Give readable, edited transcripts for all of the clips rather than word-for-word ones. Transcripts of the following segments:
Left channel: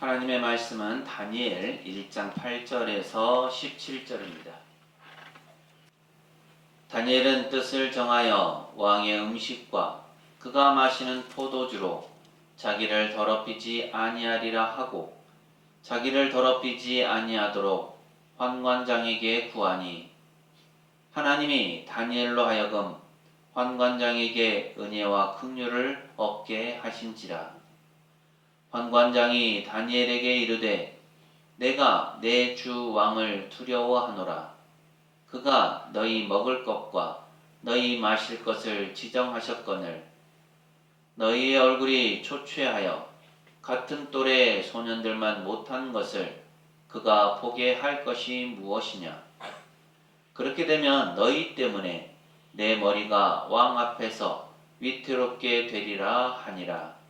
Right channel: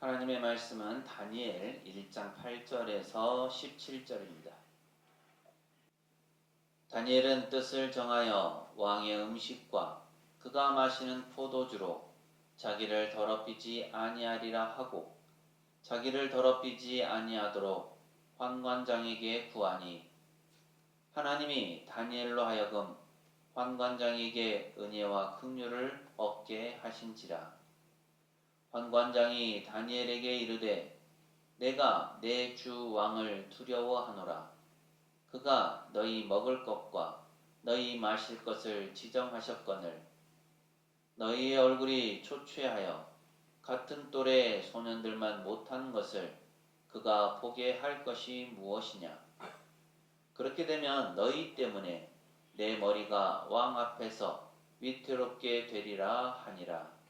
하나님의 말씀은 다니엘 1장 8절에서 17절입니다. 다니엘은 뜻을 정하여 왕의 음식과 그가 마시는 포도주로 자기를 더럽히지 아니하리라 하고 자기를 더럽히지 아니하도록 환관장에게 구하니 하나님이 다니엘로 하여금 환관장에게 은혜와 긍휼을 얻게 하신지라. 환관장이 다니엘에게 이르되 내가 내 주 왕을 두려워하노라. 그가 너희 먹을 것과 너희 마실 것을 지정하셨거늘 너희의 얼굴이 초췌하여 같은 또래 소년들만 못한 것을 그가 보게 할 것이 무엇이냐. 그렇게 되면 너희 때문에 내 머리가 왕 앞에서 위태롭게 되리라 하니라.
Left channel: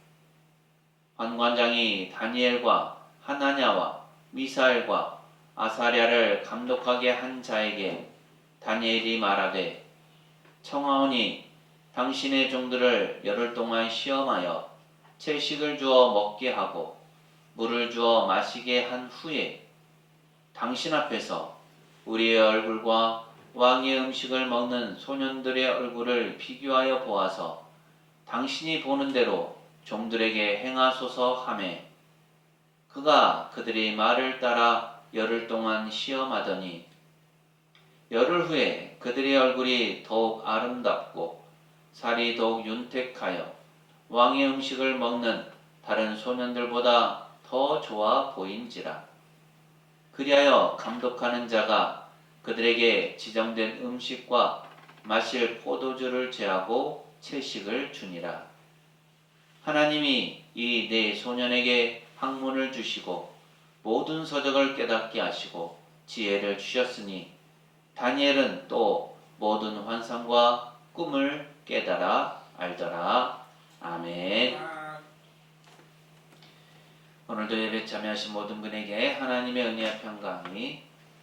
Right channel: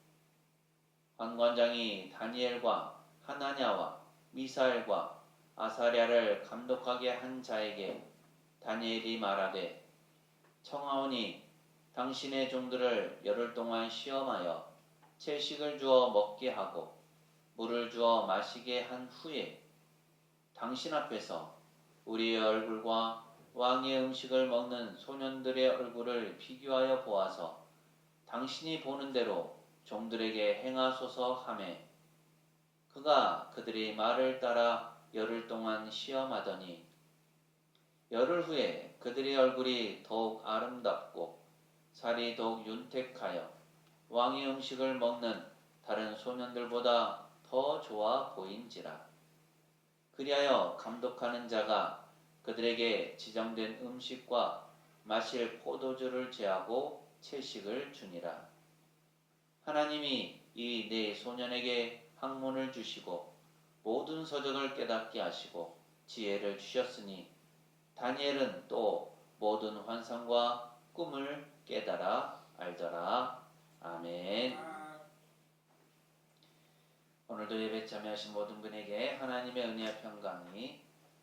환관장이 다니엘과 하나냐와 미사엘과 아사랴를 감독하게 한 자에게 다니엘이 말하되 청하오니 당신의 종들을 열흘 동안 시험하여 채식을 주어 먹게 하고 물을 주어 마시게 한 후에 당신 앞에서 우리의 얼굴과 왕의 음식을 먹는 소년들의 얼굴을 비교하여 보아서 당신이 보는 대로 종들에게 행하소서 하매 그가 그들의 말을 따라 열흘 동안 시험하더니 열흘 후에 그들의 얼굴이 더욱 아름답고 살이 더욱 윤택하여 왕의 음식을 먹는 다른 소년들보다 더 좋아 보인지라. 그리하여 감독하는 자가 그들에게 지정된 음식과 마실 포도주를 제하고 채식을 주니라. 하나님이 이 네 소년에게 학문을 주시고 모든 서적을 깨닫게 하시고 지혜를 주셨으니 다니엘은 또 모든 환상과 꿈을 깨달아 알더라. 아멘. 오늘도 예배 참여하신 모든 분에게 하나님의 은혜와 평강이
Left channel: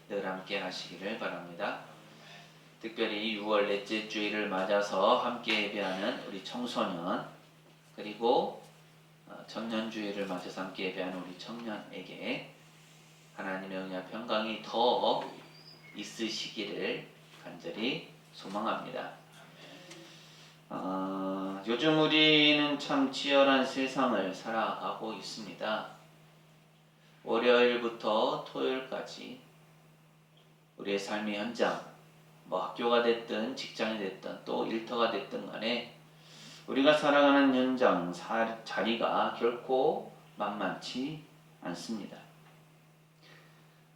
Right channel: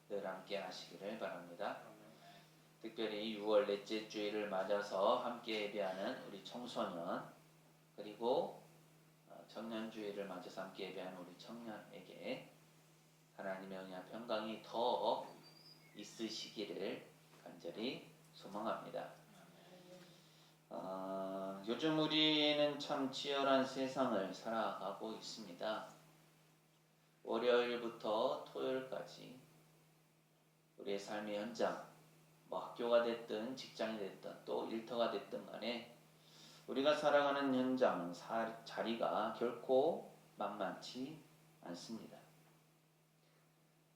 늘 함께 하시기를 바랍니다. 특별히 6월 넷째 주일을 맞아서 함께 예배하는 우리 청소년 그리고 청년주일을 맞아서 함께 예배하는 우리 청년에게 하나님의 은혜와 평강이 더 있으시기를 간절히 소망합니다. 요즘 우리는 참 치열한 세상을 살아가고 있습니다. 월요일부터 토요일까지 우리의 삶의 현장, 학교가 됐든 직장이 됐든 또 일터가 됐든 간에 우리가 살아가는 현장, 자리가 결코 만만치 않습니다.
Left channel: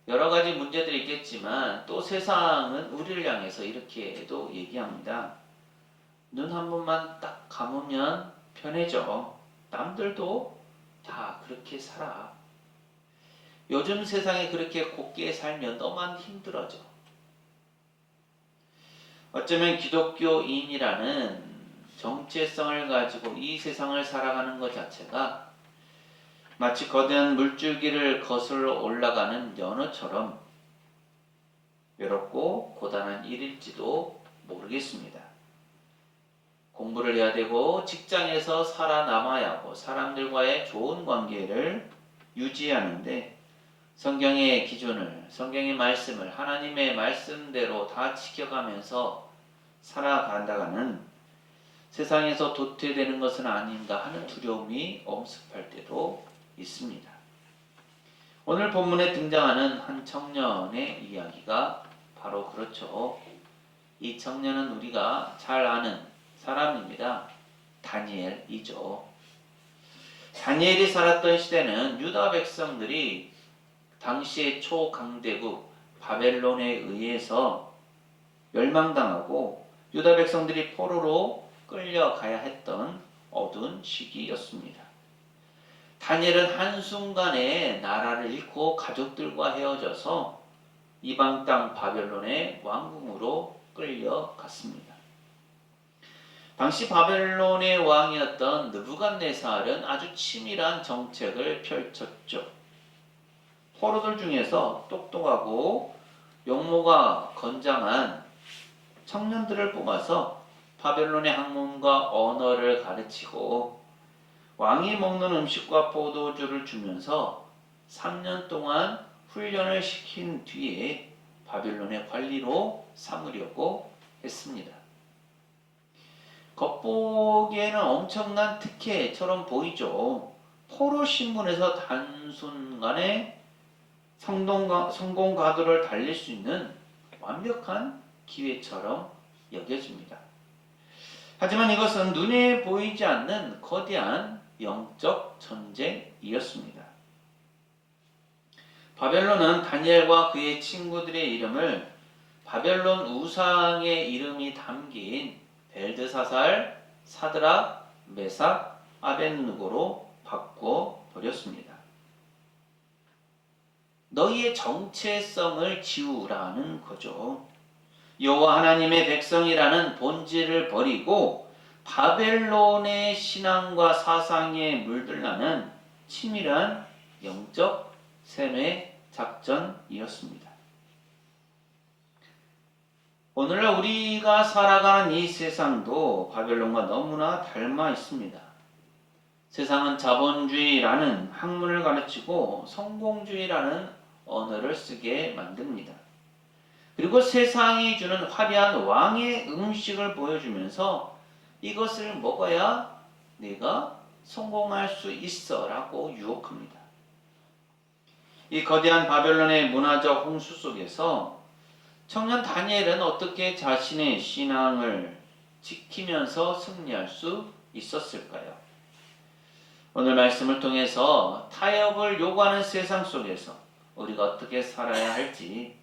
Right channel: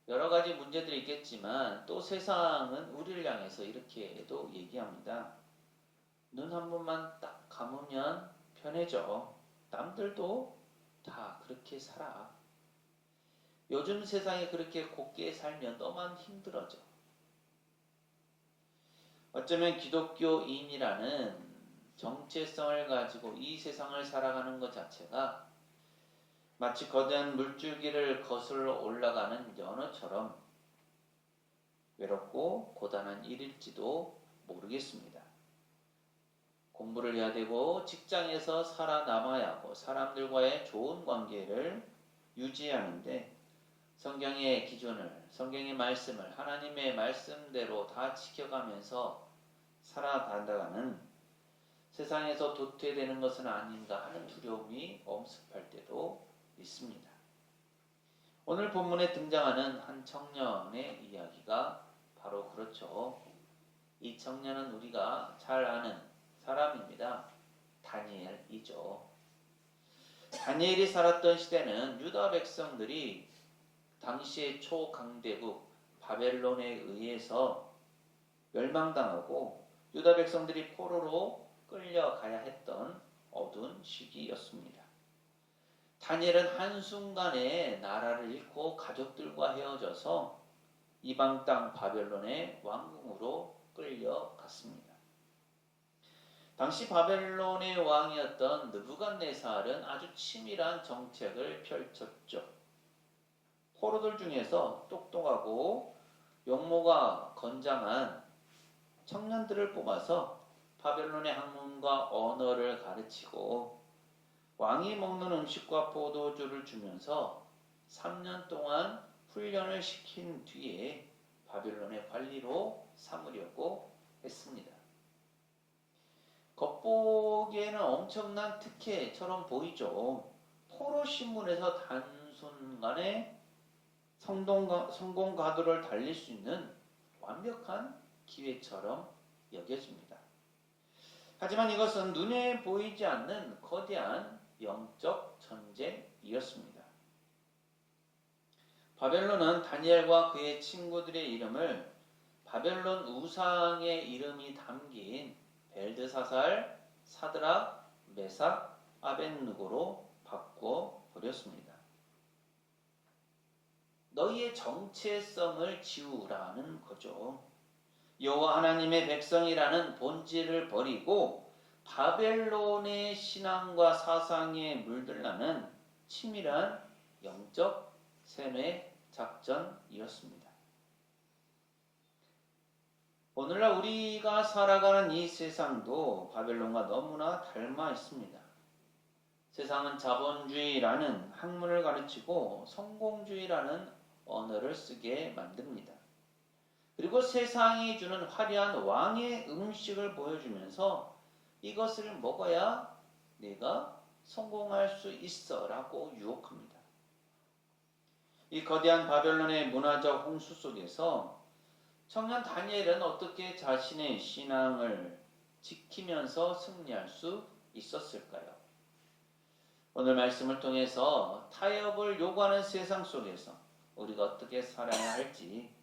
여러 가지 문제들이 있겠지만 또 세상은 우리를 향해서 이렇게도 얘기합니다. 눈 한 번만 딱 감으면 편해져. 남들도 다 그렇게 살아. 요즘 세상에 그렇게 곱게 살면 너만 힘들어져. 어쩌면 기독교인이라는 정체성을 가지고 이 세상을 살아가는 것 자체가 마치 거대한 물줄기를 거슬러 올라가는 연어처럼 외롭고 고단한 일일지도 모르겠습니다. 공부를 해야 되고 직장에서 살아남아야 하고 사람들과의 좋은 관계를 유지하는데 성경의 기준을, 성경의 말씀을 하나님의 말씀대로 다 지켜가면서 살아간다가는 세상에서 도태되는 것은 아닌가 하는 두려움이 엄습할 때도 있습니다. 오늘 본문에 등장하는 한 청년의 이야기가 바로 그렇죠. 이 청년은 우리가 잘 아는 사람입니다. 다니엘이죠. 다니엘이 살았던 시대는 유다 백성들이 당시의 초강대국 바벨론에 의해서 멸망당하고 유다 백성들이 포로로 끌려가야 했던 어두운 시기였습니다. 다니엘은 한순간에 나라를 잃고 가족들과 헤어져서 이방 땅 바벨론의 왕궁으로 끌려갔습니다. 당시 바벨론의 왕이었던 느부갓네살은 아주 치밀한 정책을 펼쳤죠. 포로들 중에서 똑똑하고 용모가 건장한 청년들을 뽑아서 바벨론의 학문과 언어를 가르치고 왕이 먹는 음식과 포도주를 주면서 3년 동안 훈련을 시킨 뒤에 바벨론의 관리로 삼으려고 했습니다. 겉보기에는 엄청난 특혜처럼 보이죠. 포로 신분에서 단순간에 성공 가도를 달릴 수 있는 완벽한 기회처럼 여겨집니다. 하지만 이것은 눈에 보이지 않는 거대한 영적 전쟁이었습니다. 바벨론은 다니엘과 그의 친구들의 이름을 바벨론 우상의 이름이 담긴 벨드사살, 사드락, 메삭, 아벳느고로 바꿔 버렸습니다. 너희의 정체성을 지우라는 거죠. 여호와 하나님의 백성이라는 본질을 버리고 바벨론의 신앙과 사상에 물들라는 치밀한 영적 세뇌 작전이었습니다. 오늘날 우리가 살아가는 이 세상도 바벨론과 너무나 닮아 있습니다. 세상은 자본주의라는 학문을 가르치고 성공주의라는 언어를 쓰게 만듭니다. 그리고 세상이 주는 화려한 왕의 음식을 보여주면서 이것을 먹어야 내가 성공할 수 있어 라고 유혹합니다. 이 거대한 바벨론의 문화적 홍수 속에서 청년 다니엘은 어떻게 자신의 신앙을 지키면서 승리할 수 있었을까요? 오늘 말씀을 통해서 타협을 요구하는 세상 속에서 우리가 어떻게 살아야 할지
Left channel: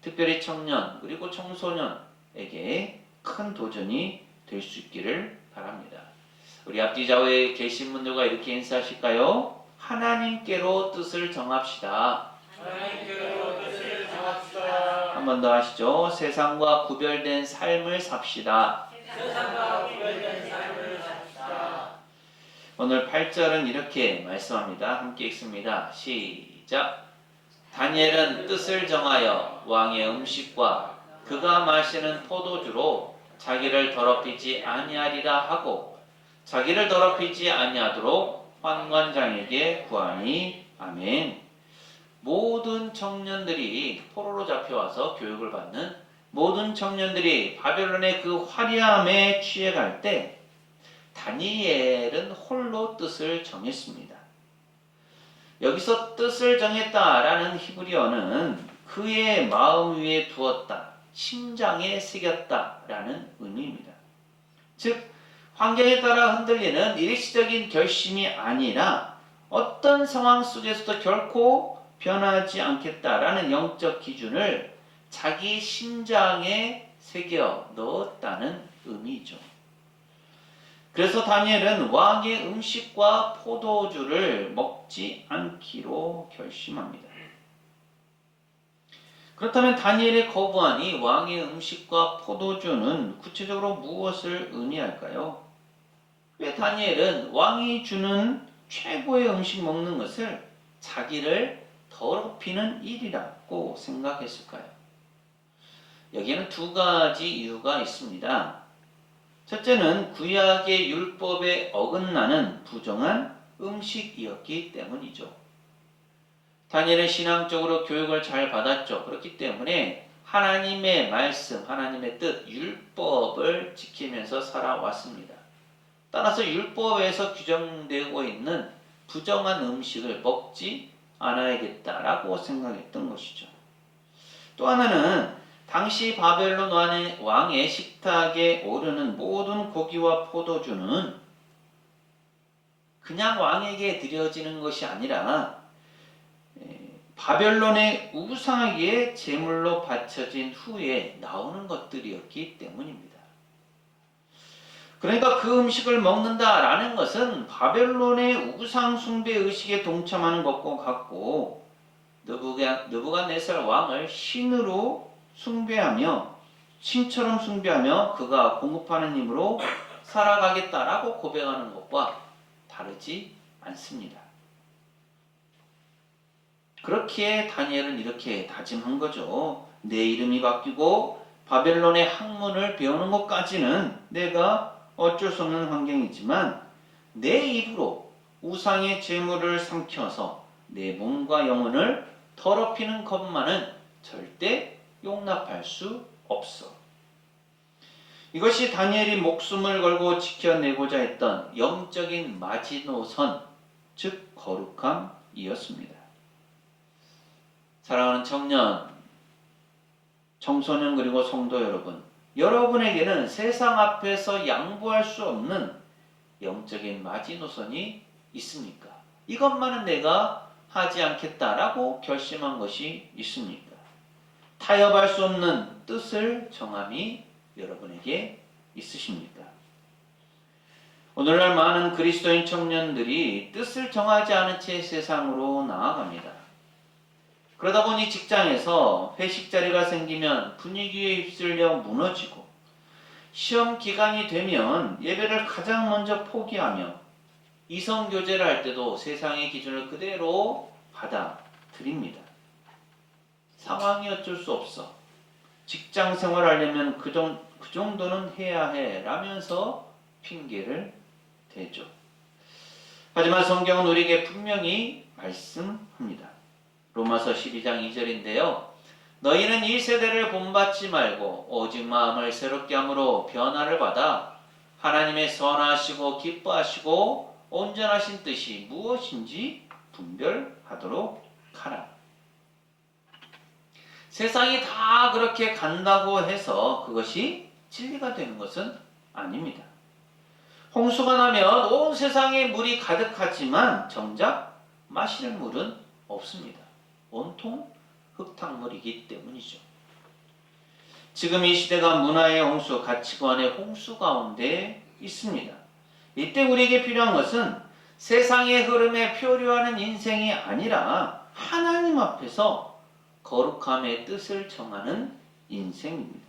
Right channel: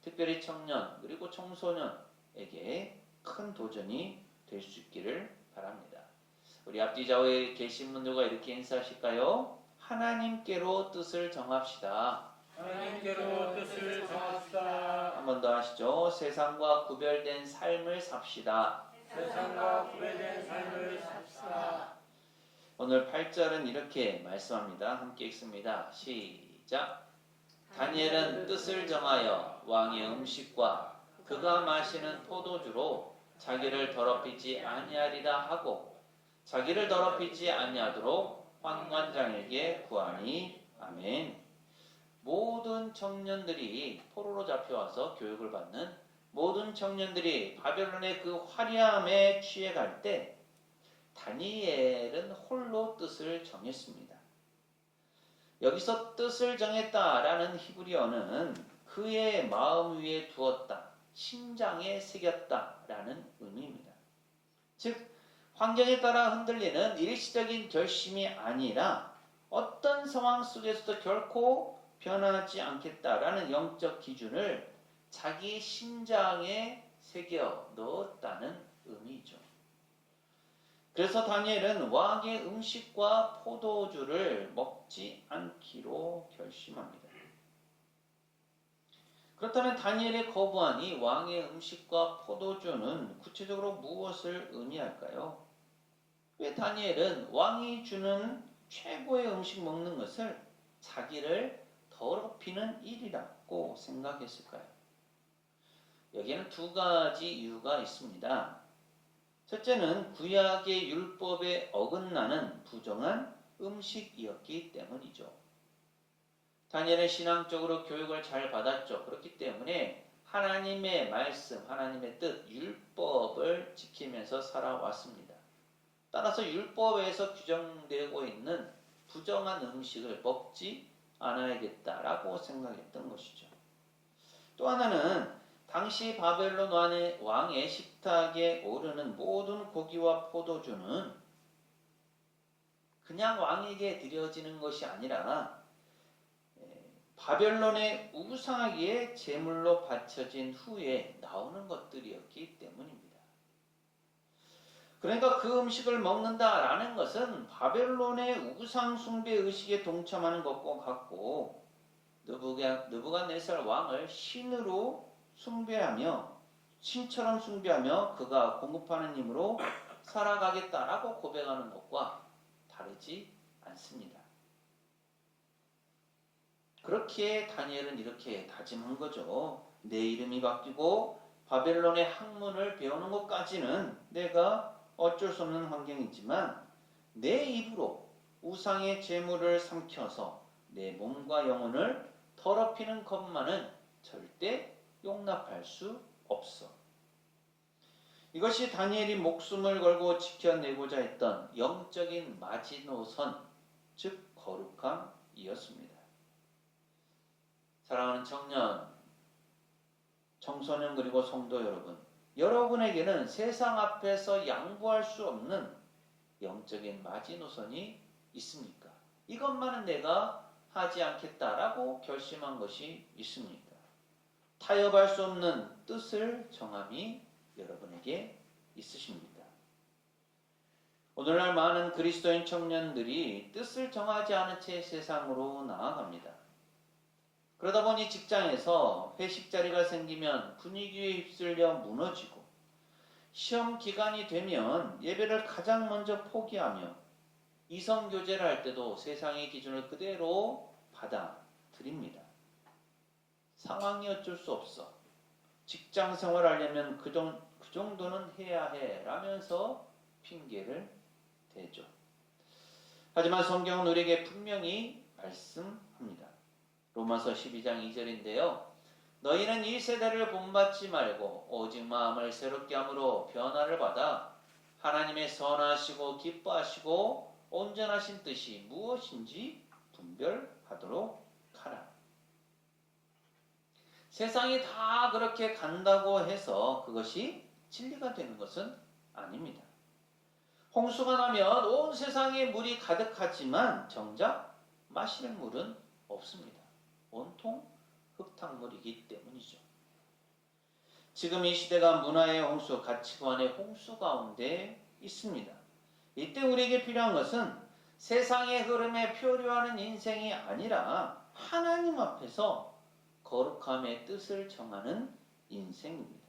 특별히 청년 그리고 청소년에게 큰 도전이 될 수 있기를 바랍니다. 우리 앞뒤 좌우에 계신 분들과 이렇게 인사하실까요? 하나님께로 뜻을 정합시다. 하나님께로 뜻을 정합시다. 한 번 더 하시죠. 세상과 구별된 삶을 삽시다. 세상과 구별된 삶을 삽시다. 오늘 8절은 이렇게 말씀합니다. 함께 읽습니다. 시작. 다니엘은 뜻을 정하여 왕의 음식과 그가 마시는 포도주로 자기를 더럽히지 아니하리라 하고 자기를 더럽히지 아니하도록 환관장에게 구하니. 아멘. 모든 청년들이 포로로 잡혀와서 교육을 받는 모든 청년들이 바벨론의 그 화려함에 취해갈 때 다니엘은 홀로 뜻을 정했습니다. 여기서 뜻을 정했다라는 히브리어는 그의 마음 위에 두었다, 심장에 새겼다라는 의미입니다. 즉 환경에 따라 흔들리는 일시적인 결심이 아니라 어떤 상황 속에서도 결코 변하지 않겠다라는 영적 기준을 자기 심장에 새겨 넣었다는 의미죠. 그래서 다니엘은 왕의 음식과 포도주를 먹지 않기로 결심합니다. 그렇다면 다니엘의 거부안이 왕의 음식과 포도주는 구체적으로 무엇을 의미할까요? 왜 다니엘은 왕이 주는 최고의 음식 먹는 것을 자기를 더럽히는 일이라고 생각했을까요? 여기에는 두 가지 이유가 있습니다. 첫째는 구약의 율법에 어긋나는 부정한 음식이었기 때문이죠. 다니엘은 신앙적으로 교육을 잘 받았죠. 그렇기 때문에 하나님의 말씀, 하나님의 뜻, 율법을 지키면서 살아왔습니다. 따라서 율법에서 규정되고 있는 부정한 음식을 먹지 않아야겠다라고 생각했던 것이죠. 또 하나는 당시 바벨론 왕의 식탁에 오르는 모든 고기와 포도주는 그냥 왕에게 드려지는 것이 아니라 바벨론의 우상에게 제물로 바쳐진 후에 나오는 것들이었기 때문입니다. 그러니까 그 음식을 먹는다라는 것은 바벨론의 우상 숭배 의식에 동참하는 것과 같고 느부갓네살 왕을 신으로 숭배하며 신처럼 숭배하며 그가 공급하는 힘으로 살아가겠다라고 고백하는 것과 다르지 않습니다. 그렇기에 다니엘은 이렇게 다짐한 거죠. 내 이름이 바뀌고 바벨론의 학문을 배우는 것까지는 내가 어쩔 수 없는 환경이지만 내 입으로 우상의 제물을 삼켜서 내 몸과 영혼을 더럽히는 것만은 절대 용납할 수 없어. 이것이 다니엘이 목숨을 걸고 지켜내고자 했던 영적인 마지노선, 즉 거룩함이었습니다. 사랑하는 청년, 청소년 그리고 성도 여러분, 여러분에게는 세상 앞에서 양보할 수 없는 영적인 마지노선이 있습니까? 이것만은 내가 하지 않겠다라고 결심한 것이 있습니까? 타협할 수 없는 뜻을 정함이 여러분에게 있으십니까? 오늘날 많은 그리스도인 청년들이 뜻을 정하지 않은 채 세상으로 나아갑니다. 그러다 보니 직장에서 회식 자리가 생기면 분위기에 휩쓸려 무너지고, 시험 기간이 되면 예배를 가장 먼저 포기하며 이성 교제를 할 때도 세상의 기준을 그대로 받아들입니다. 상황이 어쩔 수 없어. 직장 생활하려면 그 정도는 해야 해 라면서 핑계를 대죠. 하지만 성경은 우리에게 분명히 말씀합니다. 로마서 12장 2절인데요. 너희는 이 세대를 본받지 말고 오직 마음을 새롭게 함으로 변화를 받아 하나님의 선하시고 기뻐하시고 온전하신 뜻이 무엇인지 분별하도록 하라. 세상이 다 그렇게 간다고 해서 그것이 진리가 되는 것은 아닙니다. 홍수가 나면 온 세상에 물이 가득하지만 정작 마실 물은 없습니다. 온통 흙탕물이기 때문이죠. 지금 이 시대가 문화의 홍수, 가치관의 홍수 가운데 있습니다. 이때 우리에게 필요한 것은 세상의 흐름에 표류하는 인생이 아니라 하나님 앞에서 거룩함의 뜻을 정하는 인생입니다.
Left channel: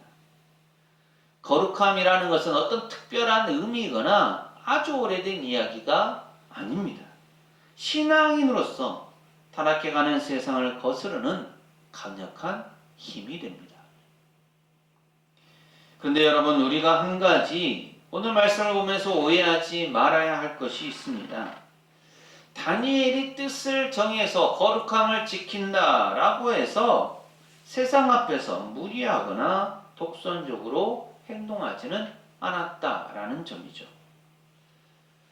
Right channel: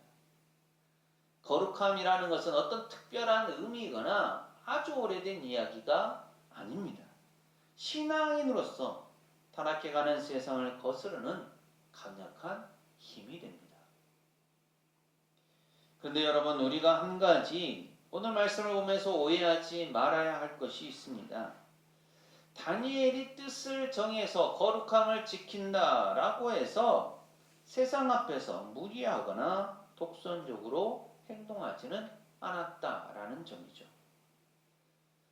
거룩함이라는 것은 어떤 특별한 의미이거나 아주 오래된 이야기가 아닙니다. 신앙인으로서 타락해가는 세상을 거스르는 강력한 힘이 됩니다. 그런데 여러분, 우리가 한 가지 오늘 말씀을 보면서 오해하지 말아야 할 것이 있습니다. 다니엘이 뜻을 정해서 거룩함을 지킨다라고 해서 세상 앞에서 무리하거나 독선적으로 행동하지는 않았다라는 점이죠.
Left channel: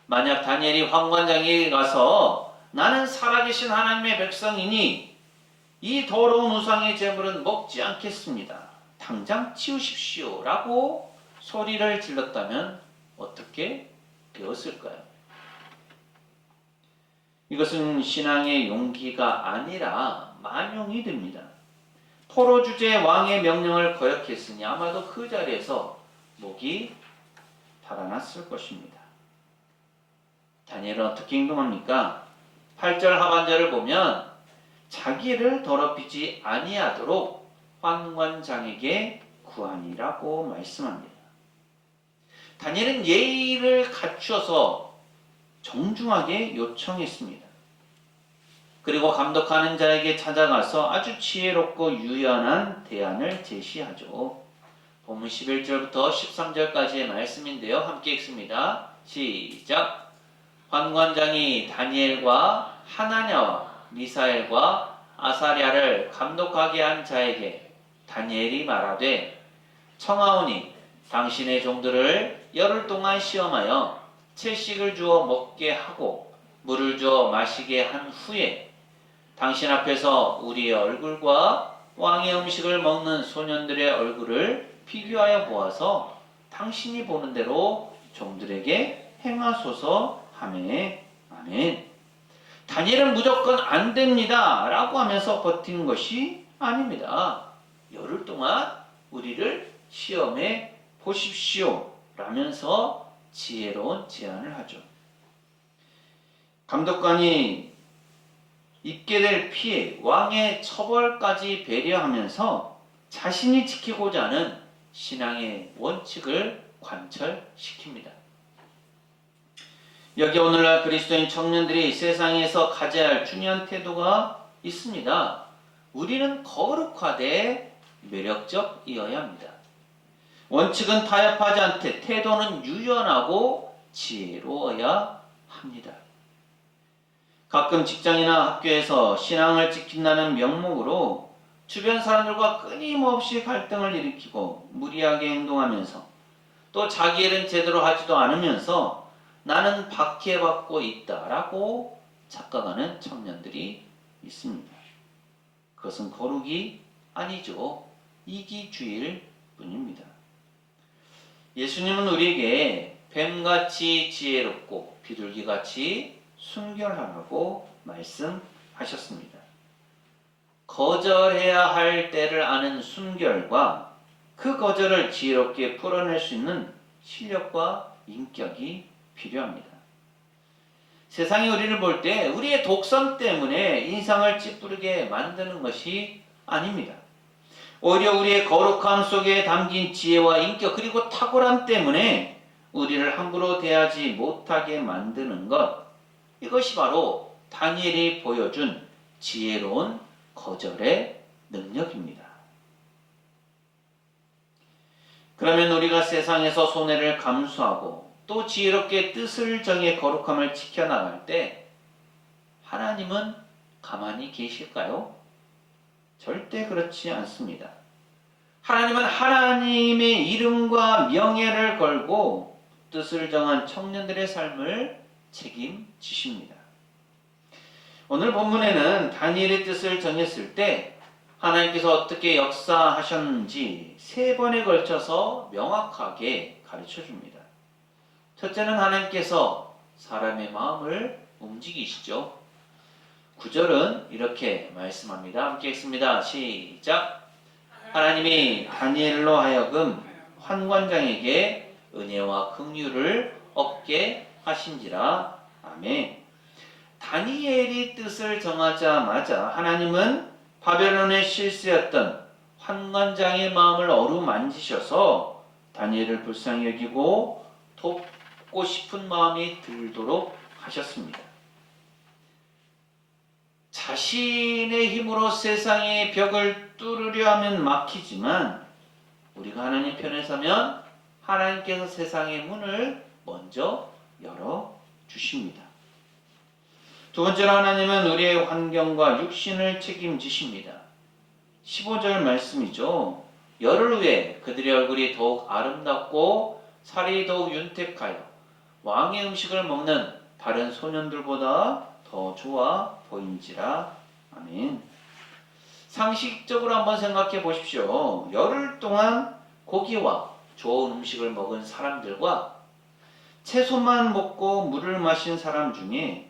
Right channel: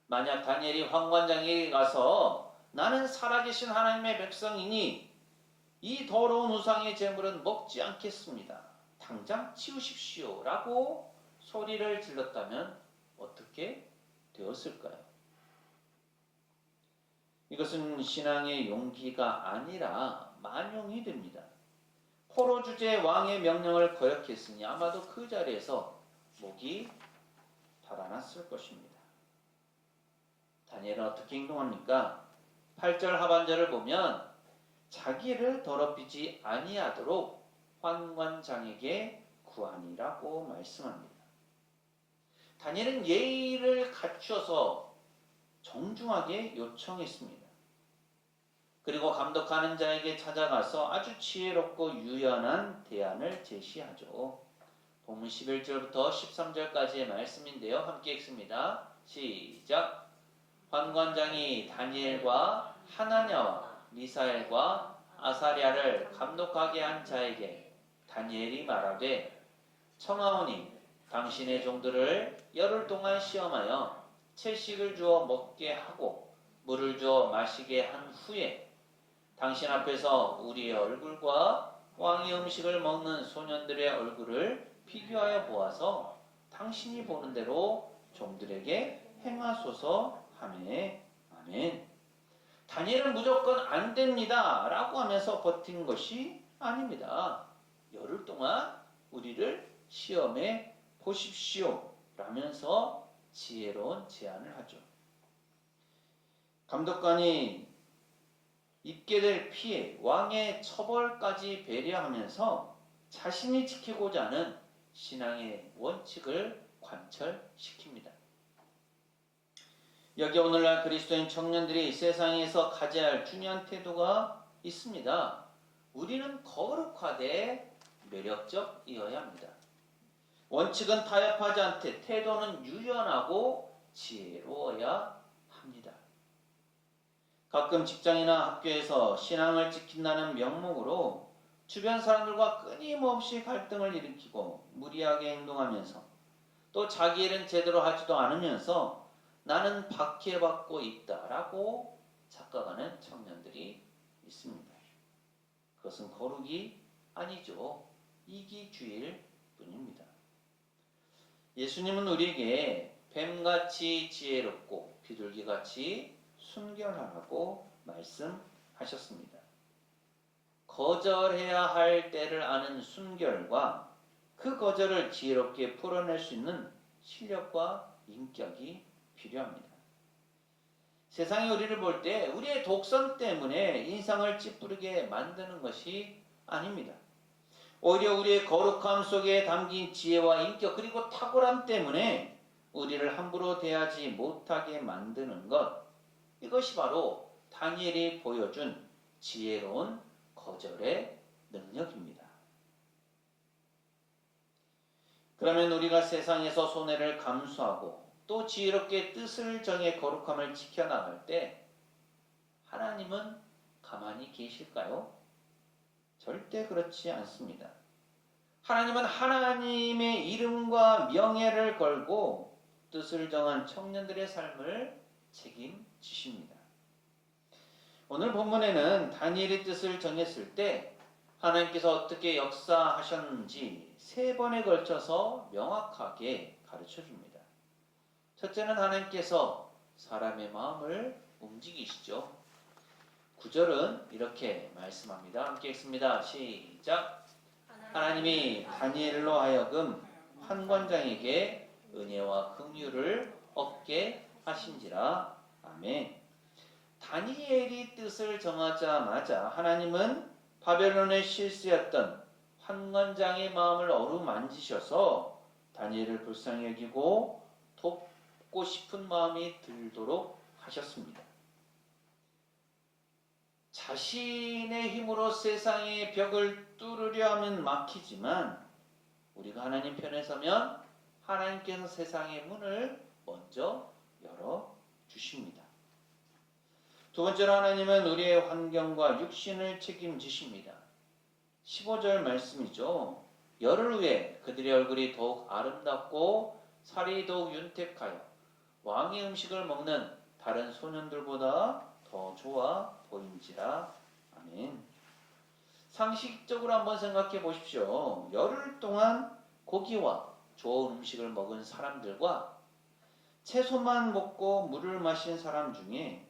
만약 다니엘이 황관장에게 가서 나는 살아계신 하나님의 백성이니 이 더러운 우상의 제물은 먹지 않겠습니다, 당장 치우십시오 라고 소리를 질렀다면 어떻게 되었을까요? 이것은 신앙의 용기가 아니라 만용이 됩니다. 포로 주제 왕의 명령을 거역했으니 아마도 그 자리에서 목이 달아났을 것입니다. 다니엘은 어떻게 행동합니까? 8절 하반절을 보면 자기를 더럽히지 아니하도록 환관장에게 구하니라고 말씀합니다. 다니엘은 예의를 갖추어서 정중하게 요청했습니다. 그리고 감독하는 자에게 찾아가서 아주 지혜롭고 유연한 대안을 제시하죠. 본문 11절부터 13절까지의 말씀인데요. 함께 읽습니다. 시작! 환관장이 다니엘과 하나냐와 미사엘과 아사랴를 감독하게 한 자에게 다니엘이 말하되, 청하오니 당신의 종들을 열흘 동안 시험하여 채식을 주어 먹게 하고 물을 주어 마시게 한 후에 당신 앞에서 우리의 얼굴과 왕의 음식을 먹는 소년들의 얼굴을 비교하여 보아서 당신이 보는 대로 종들에게 행하소서 하매. 아멘. 다니엘은 무조건 안 됩니다 라고 하면서 버틴 것이 아닙니다. 열흘 동안 우리를 시험해 보십시오 라면서 지혜로운 제안을 하죠. 감독관이 입게 될 피해, 왕의 처벌까지 배려하면서 자신이 지키고자 하는 신앙의 원칙을 관철시킵니다. 여기 오늘날 그리스도인 청년들이 세상에서 가져야 할 중요한 태도가 있습니다. 우리는 거룩하되 매력적이어야 합니다. 원칙은 타협하지 않되 태도는 유연하고 지혜로워야 합니다. 가끔 직장이나 학교에서 신앙을 지킨다는 명목으로 주변 사람들과 끊임없이 갈등을 일으키고 무리하게 행동하면서 또 자기 일은 제대로 하지도 않으면서 나는 박해받고 있다라고 착각하는 청년들이 있습니다. 그것은 거룩이 아니죠. 이기주의일 뿐입니다. 예수님은 우리에게 뱀같이 지혜롭고 비둘기같이 순결하라고 말씀하셨습니다. 거절해야 할 때를 아는 순결과 그 거절을 지혜롭게 풀어낼 수 있는 실력과 인격이 필요합니다. 세상이 우리를 볼 때 우리의 독성 때문에 인상을 찌푸리게 만드는 것이 아닙니다. 오히려 우리의 거룩함 속에 담긴 지혜와 인격 그리고 탁월함 때문에 우리를 함부로 대하지 못하게 만드는 것, 이것이 바로 다니엘이 보여준 지혜로운 거절의 능력입니다. 그러면 우리가 세상에서 손해를 감수하고 또 지혜롭게 뜻을 정해 거룩함을 지켜나갈 때 하나님은 가만히 계실까요? 절대 그렇지 않습니다. 하나님은 하나님의 이름과 명예를 걸고 뜻을 정한 청년들의 삶을 책임지십니다. 오늘 본문에는 다니엘의 뜻을 정했을 때 하나님께서 어떻게 역사하셨는지 3번에 걸쳐서 명확하게 가르쳐 줍니다. 첫째는 하나님께서 사람의 마음을 움직이시죠. 9절은 이렇게 말씀합니다. 함께 읽습니다. 시작. 하나님이 다니엘로 하여금 환관장에게 은혜와 긍휼을 얻게 하신지라. 아멘. 다니엘이 뜻을 정하자마자 하나님은 바벨론의 실세였던 환관장의 마음을 어루만지셔서 다니엘을 불쌍히 여기고 돕고 싶은 마음이 들도록 하셨습니다. 자신의 힘으로 세상의 벽을 뚫으려 하면 막히지만 우리가 하나님 편에 서면 하나님께서 세상의 문을 먼저 열어주십니다. 두 번째로 하나님은 우리의 환경과 육신을 책임지십니다. 15절 말씀이죠. 열흘 후에 그들의 얼굴이 더욱 아름답고 살이 더욱 윤택하여 왕의 음식을 먹는 다른 소년들보다 더 좋아 보인지라. 아멘. 상식적으로 한번 생각해 보십시오. 열흘 동안 고기와 좋은 음식을 먹은 사람들과 채소만 먹고 물을 마신 사람 중에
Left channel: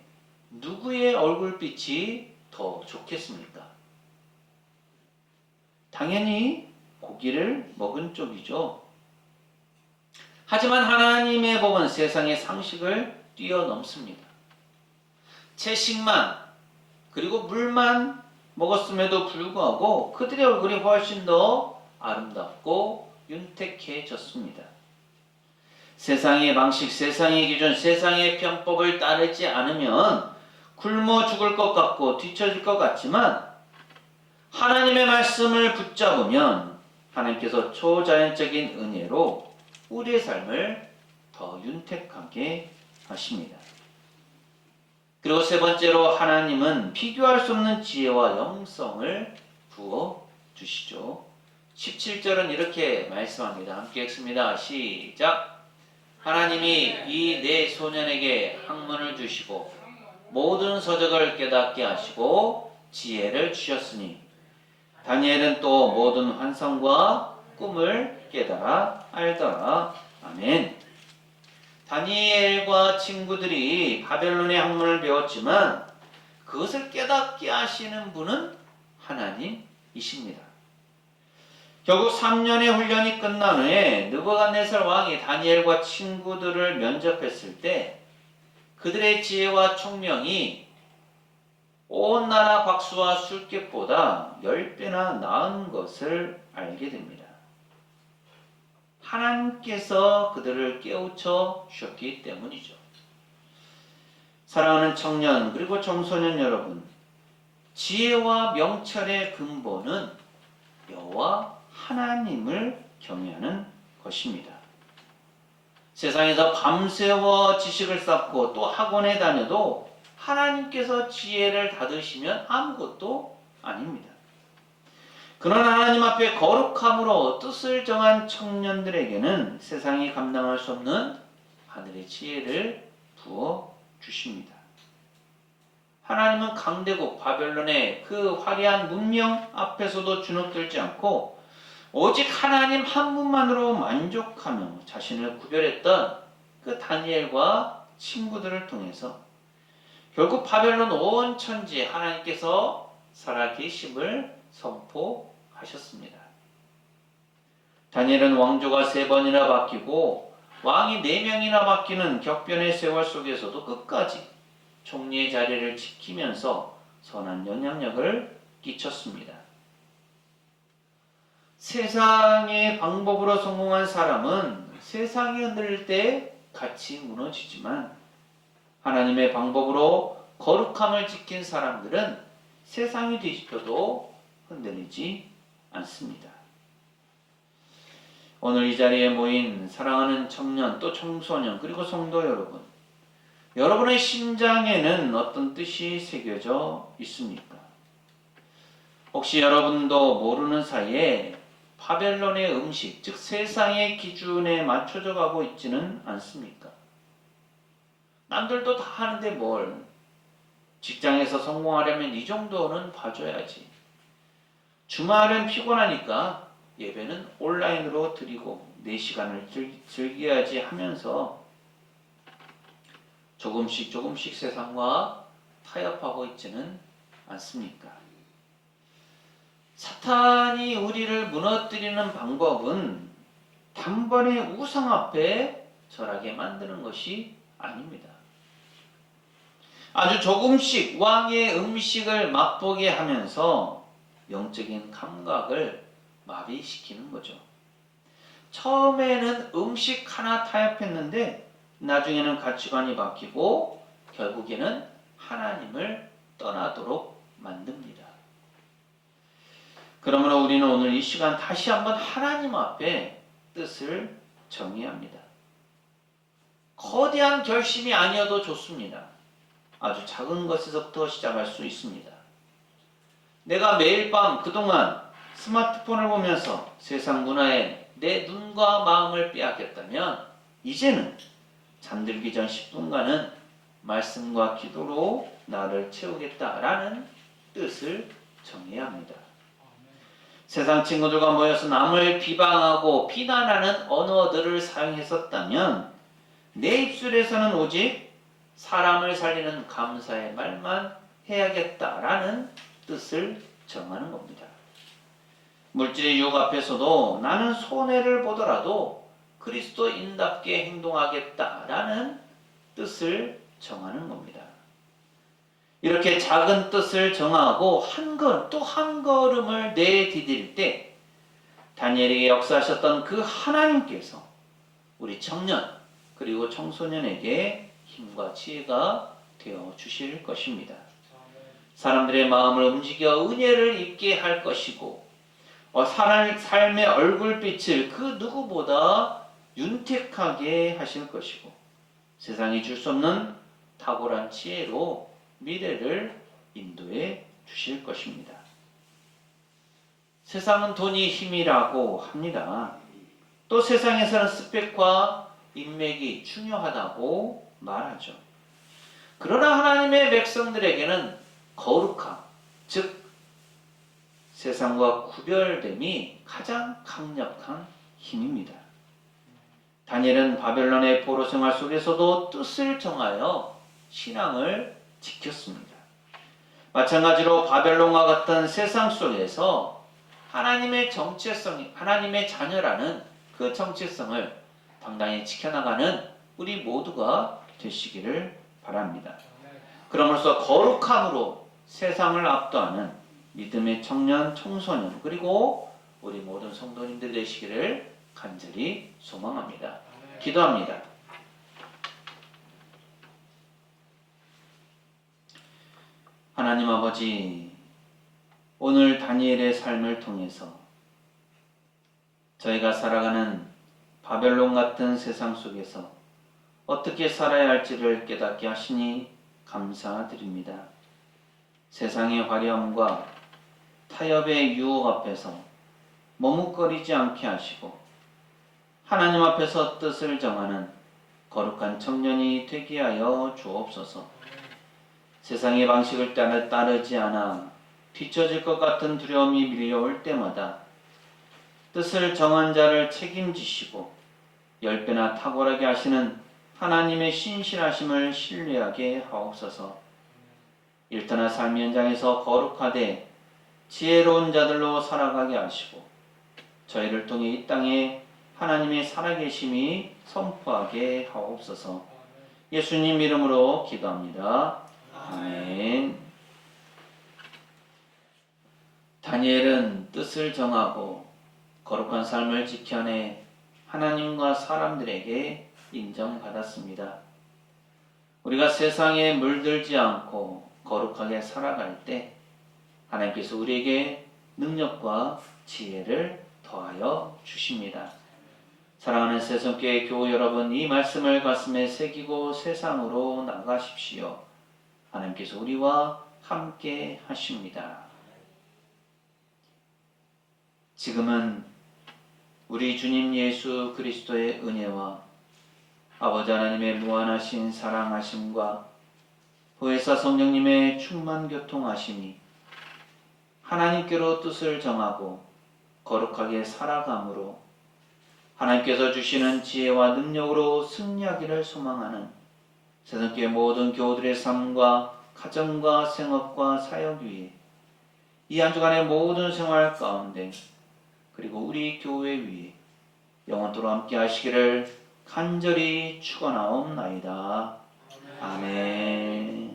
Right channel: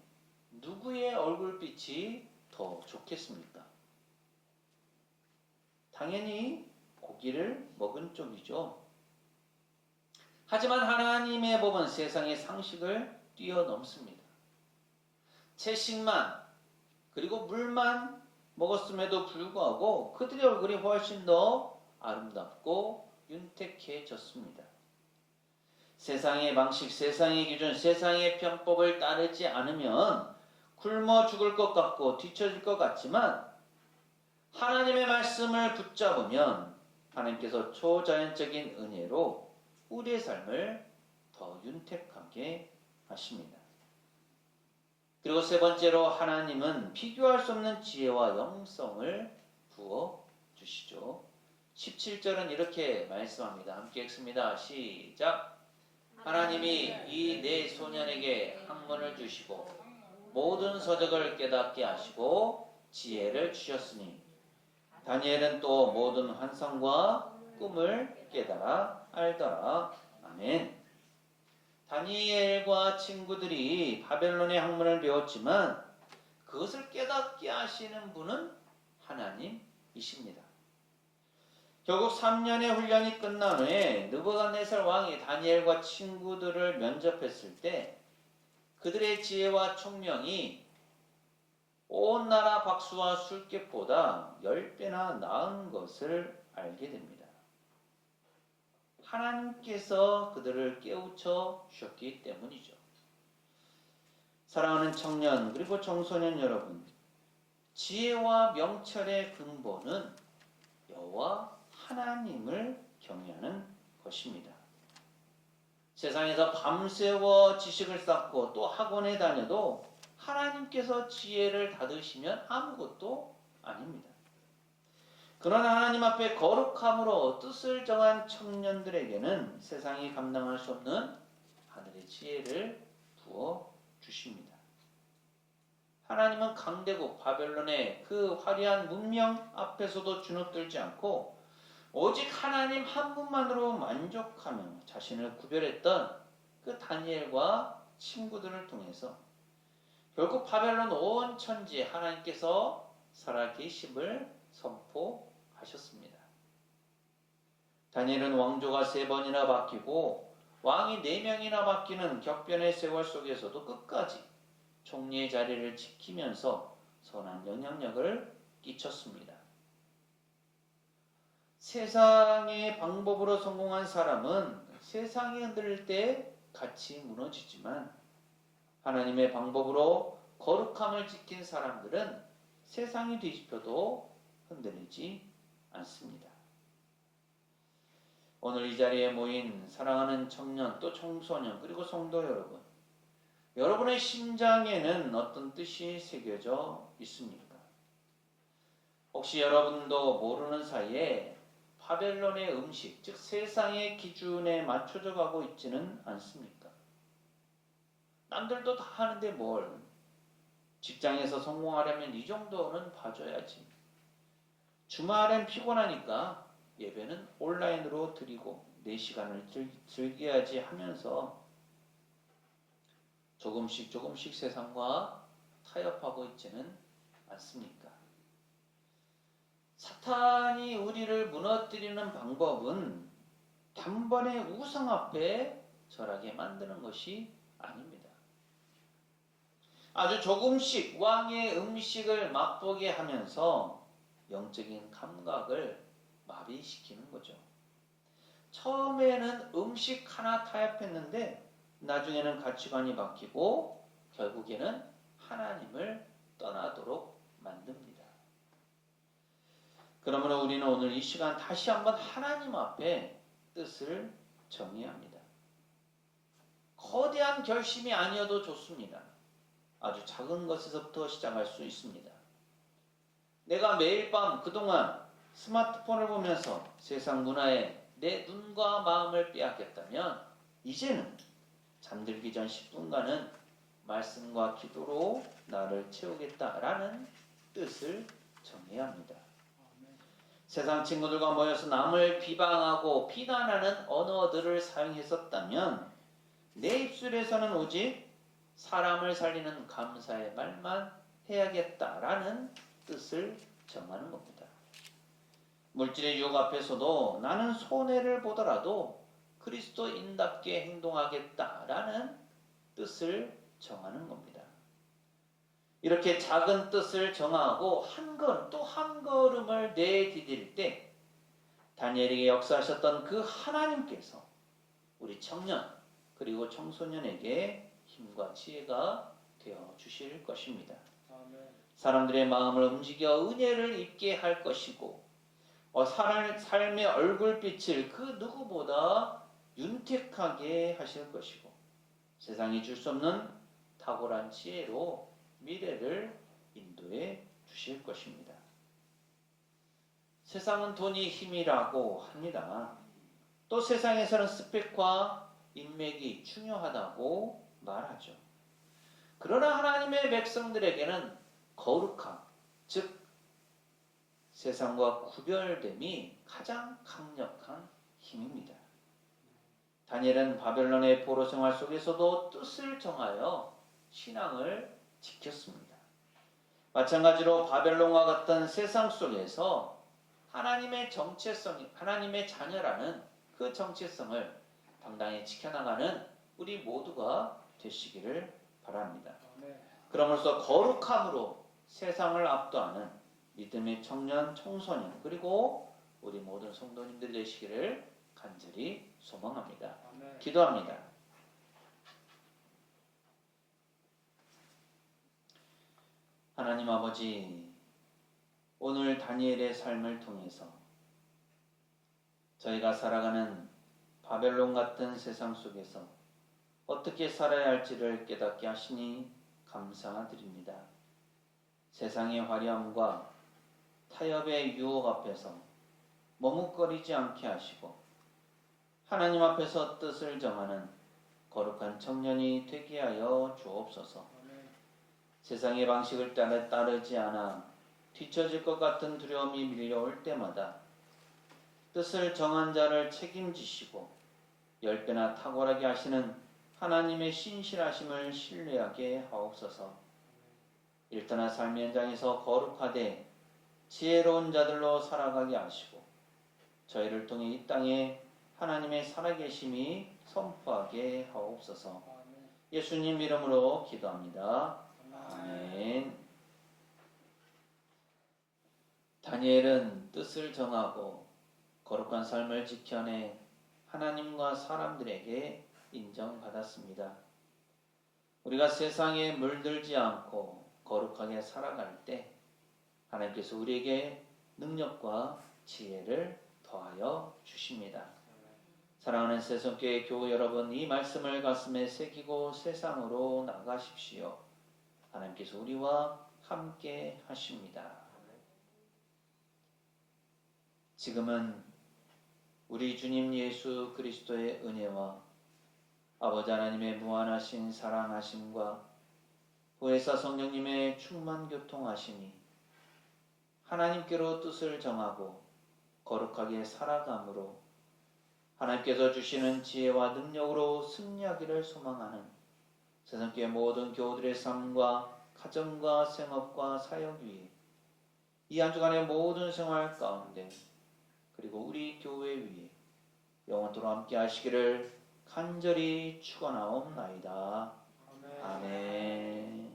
누구의 얼굴빛이 더 좋겠습니까? 당연히 고기를 먹은 쪽이죠. 하지만 하나님의 법은 세상의 상식을 뛰어넘습니다. 채식만 그리고 물만 먹었음에도 불구하고 그들의 얼굴이 훨씬 더 아름답고 윤택해졌습니다. 세상의 방식, 세상의 기준, 세상의 편법을 따르지 않으면 굶어 죽을 것 같고 뒤처질 것 같지만 하나님의 말씀을 붙잡으면 하나님께서 초자연적인 은혜로 우리의 삶을 더 윤택하게 하십니다. 그리고 세 번째로 하나님은 비교할 수 없는 지혜와 영성을 부어주시죠. 17절은 이렇게 말씀합니다. 함께 읽습니다. 시작. 하나님이 이 네 소년에게 학문을 주시고 모든 서적을 깨닫게 하시고 지혜를 주셨으니 다니엘은 또 모든 환상과 꿈을 깨달아 알더라. 아멘. 다니엘과 친구들이 바벨론의 학문을 배웠지만 그것을 깨닫게 하시는 분은 하나님이십니다. 결국 3년의 훈련이 끝난 후에 느부갓네살 왕이 다니엘과 친구들을 면접했을 때 그들의 지혜와 총명이 온 나라 박수와 술객보다 10배나 나은 것을 알게 됩니다. 하나님께서 그들을 깨우쳐 주셨기 때문이죠. 사랑하는 청년 그리고 청소년 여러분, 지혜와 명철의 근본은 여호와 하나님을 경외하는 것입니다. 세상에서 밤새워 지식을 쌓고 또 학원에 다녀도 하나님께서 지혜를 닫으시면 아무것도 아닙니다. 그러나 하나님 앞에 거룩함으로 뜻을 정한 청년들에게는 세상이 감당할 수 없는 하늘의 지혜를 부어 주십니다. 하나님은 강대국 바벨론의 그 화려한 문명 앞에서도 주눅들지 않고 오직 하나님 한 분만으로 만족하며 자신을 구별했던 그 다니엘과 친구들을 통해서 결국 바벨론 온 천지에 하나님께서 살아계심을 선포하셨습니다. 다니엘은 왕조가 3번이나 바뀌고 왕이 4명이나 바뀌는 격변의 세월 속에서도 끝까지 총리의 자리를 지키면서 선한 영향력을 끼쳤습니다. 세상의 방법으로 성공한 사람은 세상이 흔들릴 때 같이 무너지지만 하나님의 방법으로 거룩함을 지킨 사람들은 세상이 뒤집혀도 흔들리지 않습니다. 오늘 이 자리에 모인 사랑하는 청년 또 청소년 그리고 성도 여러분, 여러분의 심장에는 어떤 뜻이 새겨져 있습니까? 혹시 여러분도 모르는 사이에 바벨론의 음식, 즉 세상의 기준에 맞춰져 가고 있지는 않습니까? 남들도 다 하는데 뭘, 직장에서 성공하려면 이 정도는 봐줘야지. 주말은 피곤하니까 예배는 온라인으로 드리고 내 시간을 즐겨야지 하면서 조금씩 세상과 타협하고 있지는 않습니까? 사탄이 우리를 무너뜨리는 방법은 단번에 우상 앞에 절하게 만드는 것이 아닙니다. 아주 조금씩 왕의 음식을 맛보게 하면서 영적인 감각을 마비시키는 거죠. 처음에는 음식 하나 타협했는데 나중에는 가치관이 바뀌고 결국에는 하나님을 떠나도록 만듭니다. 그러므로 우리는 오늘 이 시간 다시 한번 하나님 앞에 뜻을 정해야 합니다. 거대한 결심이 아니어도 좋습니다. 아주 작은 것에서부터 시작할 수 있습니다. 내가 매일 밤 그동안 스마트폰을 보면서 세상 문화에 내 눈과 마음을 빼앗겼다면 이제는 잠들기 전 10분간은 말씀과 기도로 나를 채우겠다라는 뜻을 정해야 합니다. 세상 친구들과 모여서 남을 비방하고 비난하는 언어들을 사용했었다면 내 입술에서는 오직 사람을 살리는 감사의 말만 해야겠다라는 뜻을 정하는 겁니다. 물질의 유혹 앞에서도 나는 손해를 보더라도 그리스도인답게 행동하겠다라는 뜻을 정하는 겁니다. 이렇게 작은 뜻을 정하고 또 한 걸음을 내디딜 때 다니엘에게 역사하셨던 그 하나님께서 우리 청년 그리고 청소년에게 힘과 지혜가 되어 주실 것입니다. 사람들의 마음을 움직여 은혜를 입게 할 것이고 삶의 얼굴빛을 그 누구보다 윤택하게 하실 것이고 세상이 줄 수 없는 탁월한 지혜로 미래를 인도해 주실 것입니다. 세상은 돈이 힘이라고 합니다. 또 세상에서는 스펙과 인맥이 중요하다고 말하죠. 그러나 하나님의 백성들에게는 거룩함, 즉 세상과 구별됨이 가장 강력한 힘입니다. 다니엘은 바벨론의 포로 생활 속에서도 뜻을 정하여 신앙을 지켰습니다. 마찬가지로 바벨론과 같은 세상 속에서 하나님의 자녀라는 그 정체성을 당당히 지켜나가는 우리 모두가 되시기를 바랍니다. 그럼으로써 거룩함으로 세상을 압도하는 믿음의 청년, 청소년 그리고 우리 모든 성도님들 되시기를 간절히 소망합니다. 기도합니다. 하나님 아버지, 오늘 다니엘의 삶을 통해서 저희가 살아가는 바벨론 같은 세상 속에서 어떻게 살아야 할지를 깨닫게 하시니 감사드립니다. 세상의 화려함과 타협의 유혹 앞에서 머뭇거리지 않게 하시고 하나님 앞에서 뜻을 정하는 거룩한 청년이 되게 하여 주옵소서. 세상의 방식을 따르지 않아 뒤처질 것 같은 두려움이 밀려올 때마다 뜻을 정한 자를 책임지시고 10배나 탁월하게 하시는 하나님의 신실하심을 신뢰하게 하옵소서. 일터나 삶의 현장에서 거룩하되 지혜로운 자들로 살아가게 하시고 저희를 통해 이 땅에 하나님의 살아계심이 선포하게 하옵소서. 예수님 이름으로 기도합니다. 아멘. 다니엘은 뜻을 정하고 거룩한 삶을 지켜내 하나님과 사람들에게 인정받았습니다. 우리가 세상에 물들지 않고 거룩하게 살아갈 때 하나님께서 우리에게 능력과 지혜를 더하여 주십니다. 사랑하는 새송교회 교우 여러분, 이 말씀을 가슴에 새기고 세상으로 나가십시오. 하나님께서 우리와 함께 하십니다. 지금은 우리 주님 예수 그리스도의 은혜와 아버지 하나님의 무한하신 사랑하심과 보혜사 성령님의 충만 교통하심이 하나님께로 뜻을 정하고 거룩하게 살아감으로 하나님께서 주시는 지혜와 능력으로 승리하기를 소망하는 새송교회 모든 교우들의 삶과 가정과 생업과 사역 위에 이 한 주간의 모든 생활 가운데 그리고 우리 교회 위에 영원토록 함께 하시기를 간절히 축원하옵나이다. 아멘.